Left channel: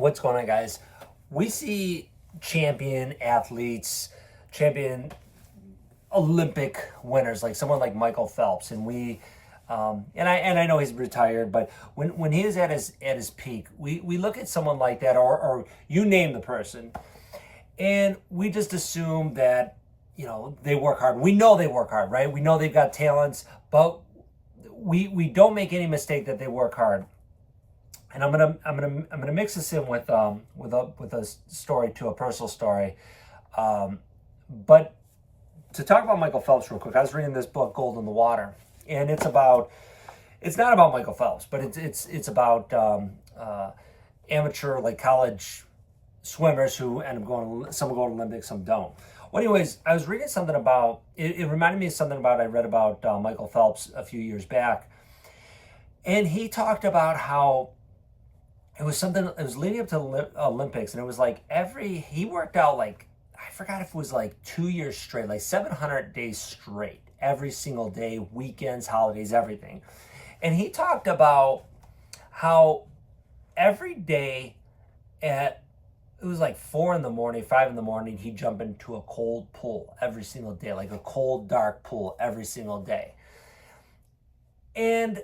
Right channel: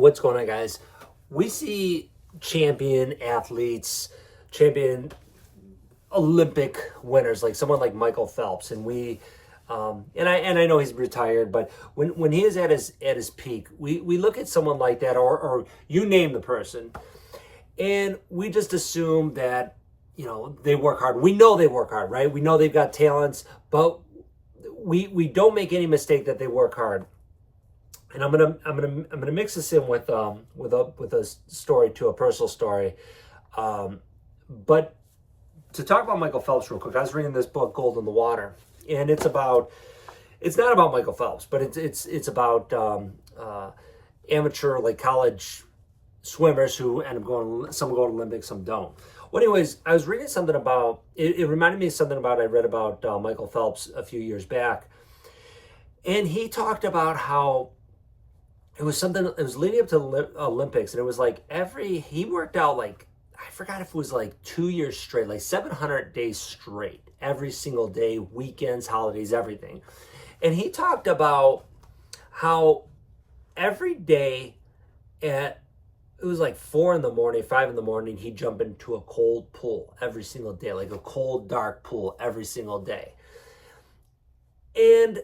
What's going on, guys? We see champion athletes, champion Olympic winners, like someone like Michael Phelps, and I know he's retired, but when he is at his peak, we look at someone like that, or you name the person, and we just assume that they work hard. We know they work hard, right? We know they've got talents, but we don't make any mistake that they work hard. And I'm gonna mix this in with a story, to a personal story, but to talk about Michael Phelps real quick. I was reading this book, Gold in the Water, and it's not about Michael Phelps, but it's about amateur, like, college swimmers who end up going. Some go to Olympics, some don't. Well, anyways, I was reading something about it. Reminded me of something I read about Michael Phelps a few years back, and he talked about how it was leading up to the Olympics, and it was like he worked out, like, I forgot if it was like 2 years straight, like 700 days straight, every single day, weekends, holidays, everything. And he talked about how every day it was like 4 in the morning, 5 in the morning, he'd jump into a cold pool every single day, like a cold, dark pool every single day. And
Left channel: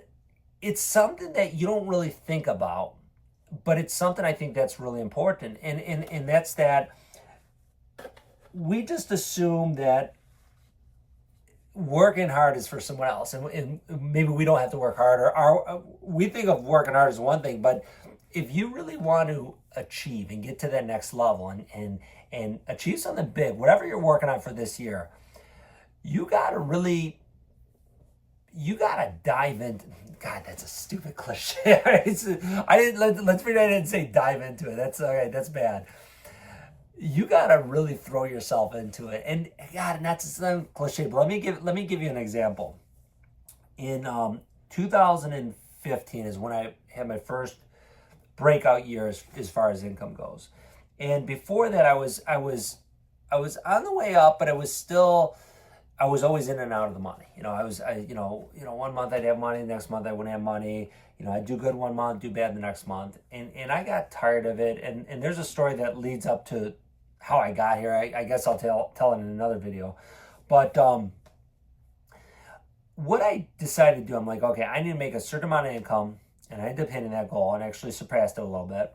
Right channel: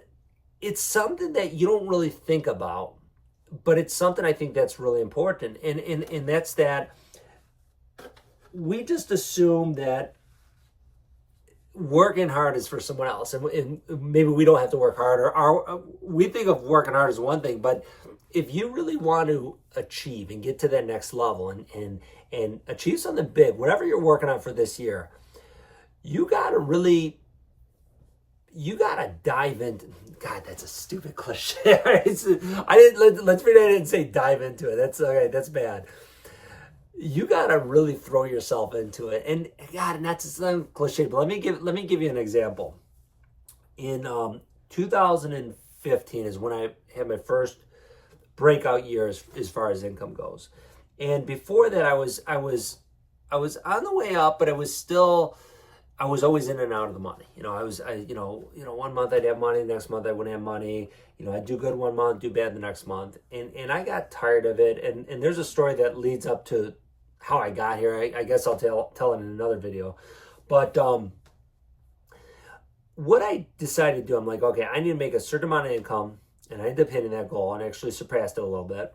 it's something that you don't really think about, but it's something I think that's really important. And that's that we just assume that working hard is for someone else, and maybe we don't have to work hard, or we think of working hard as one thing, but if you really want to achieve and get to that next level and achieve something big, whatever you're working on for this year, you gotta dive into. God, that's a stupid cliche. Let's pretend I didn't say dive into it. That's okay. That's bad. You gotta really throw yourself into it, and God, and that's some cliche. But let me give you an example. In 2015 is when I had my first breakout year as far as income goes, and before that I was on the way up, but I was always in and out of the money. One month I'd have money, the next month I wouldn't have money. I'd do good one month, do bad the next month, and I got tired of it. And there's a story that leads up to how I got here. I guess I'll tell it in another video. But what I decided to do, I'm like, okay, I need to make a certain amount of income, and I ended up hitting that goal and actually surpassed it a little bit.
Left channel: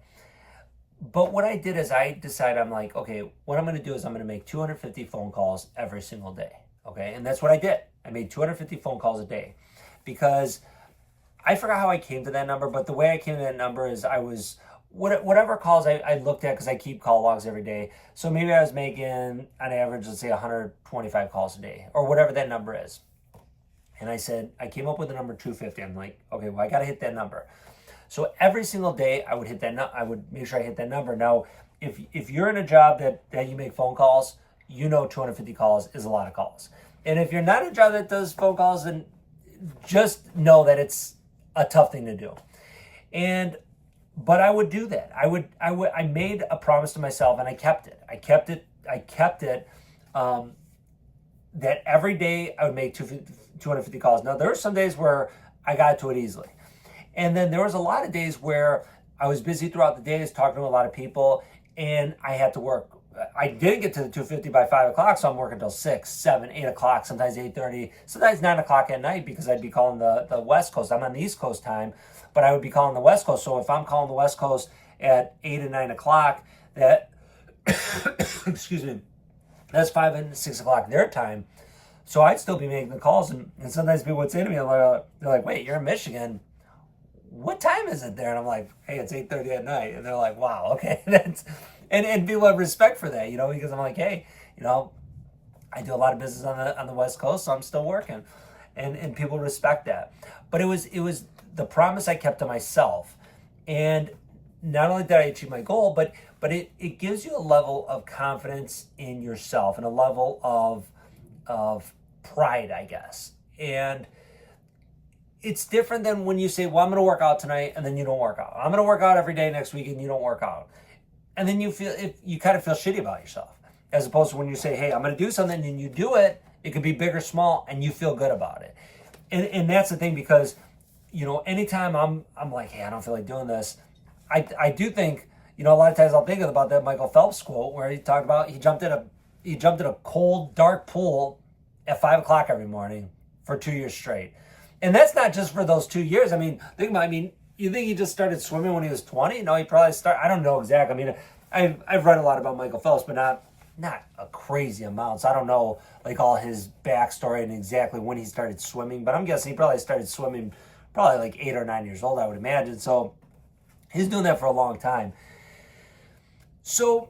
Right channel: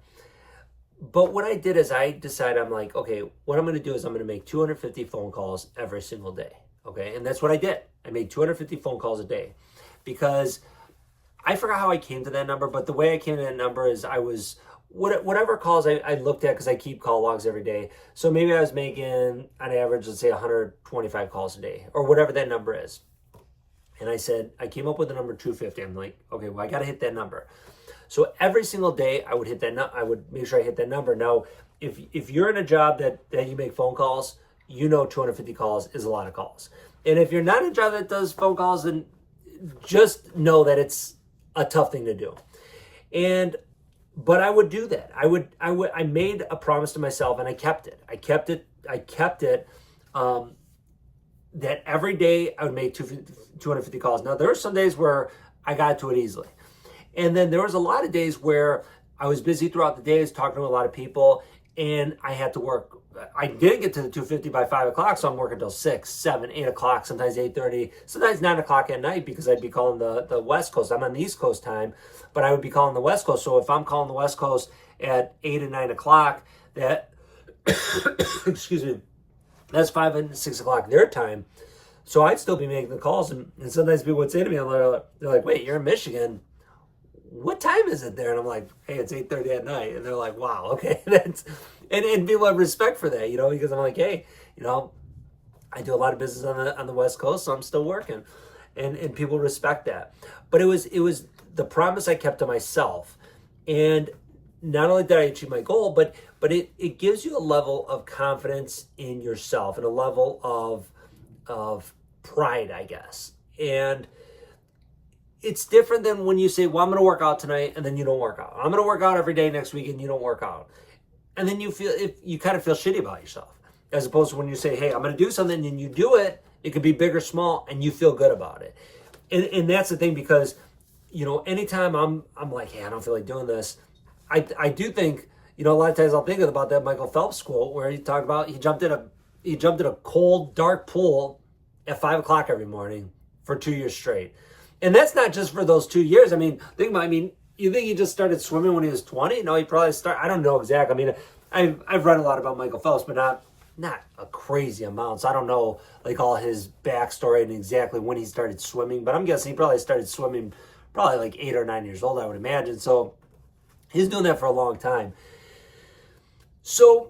But what I did is I decided, I'm like, okay, what I'm going to do is I'm going to make 250 phone calls every single day. Okay, and that's what I did. I made 250 phone calls a day, because I forgot how I came to that number, but the way I came to that number is I was, whatever calls I looked at, because I keep call logs every day. So maybe I was making, on average, let's say 125 calls a day, or whatever that number is. And I came up with the number 250. I'm like, okay, well, I got to hit that number. So every single day I would hit that. I would make sure I hit that number. Now, if you're in a job that you make phone calls, 250 calls is a lot of calls. And if you're not in a job that does phone calls, then just know that it's a tough thing to do. But I would do that. I made a promise to myself, and I kept it. I kept it that every day I would make 250 calls. Now, there were some days where I got to it easily. And then there was a lot of days where I was busy throughout the days, talking to a lot of people, and I had to work. I didn't get to the 250 by 5 o'clock, so I'm working until 6, 7, 8 o'clock, sometimes 8:30, sometimes 9 o'clock at night, because I'd be calling the West Coast. I'm on the East Coast time, but I would be calling the West Coast. So if I'm calling the West Coast at 8 and 9 o'clock, that, excuse me, that's 5 and 6 o'clock their time. So I'd still be making the calls, and sometimes people would say to me, they're like, wait, you're in Michigan. What time is it there? And I'm like, hey, it's 8:30 at night. And they're like, wow, okay. And people have respect for that, because I'm like, hey, I do a lot of business on the West Coast, so I'm still working. And people respect that. But it was the promise I kept to myself. And not only did I achieve my goal, but it gives you a level of confidence in yourself, and a level of pride, I guess. And it's different than when you say, well, I'm going to work out tonight, and then you don't work out. I'm going to work out every day next week, and you don't work out. And then you kind of feel shitty about yourself, as opposed to when you say, hey, I'm going to do something, and you do it. It could be big or small, and you feel good about it. And that's the thing, because, anytime I'm like, hey, I don't feel like doing this, I do think, You know, a lot of times I'll think about that Michael Phelps quote where he talked about he jumped in a cold, dark pool at 5 o'clock every morning for 2 years straight. And that's not just for those 2 years. I mean, you think he just started swimming when he was 20? No, he probably started, I don't know exactly. I mean, I've read a lot about Michael Phelps, but not a crazy amount. So I don't know like all his backstory and exactly when he started swimming, but I'm guessing he probably started swimming probably like 8 or 9 years old, I would imagine. So he's doing that for a long time. So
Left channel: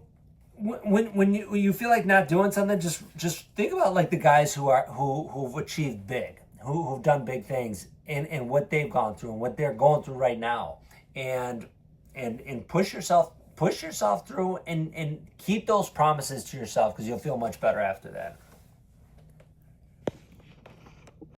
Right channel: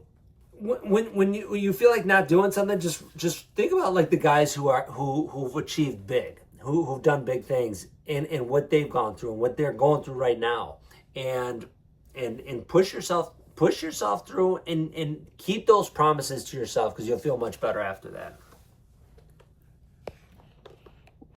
when you feel like not doing something, just think about like the guys who've achieved big, who've done big things, and what they've gone through and what they're going through right now, and push yourself through and keep those promises to yourself, because you'll feel much better after that.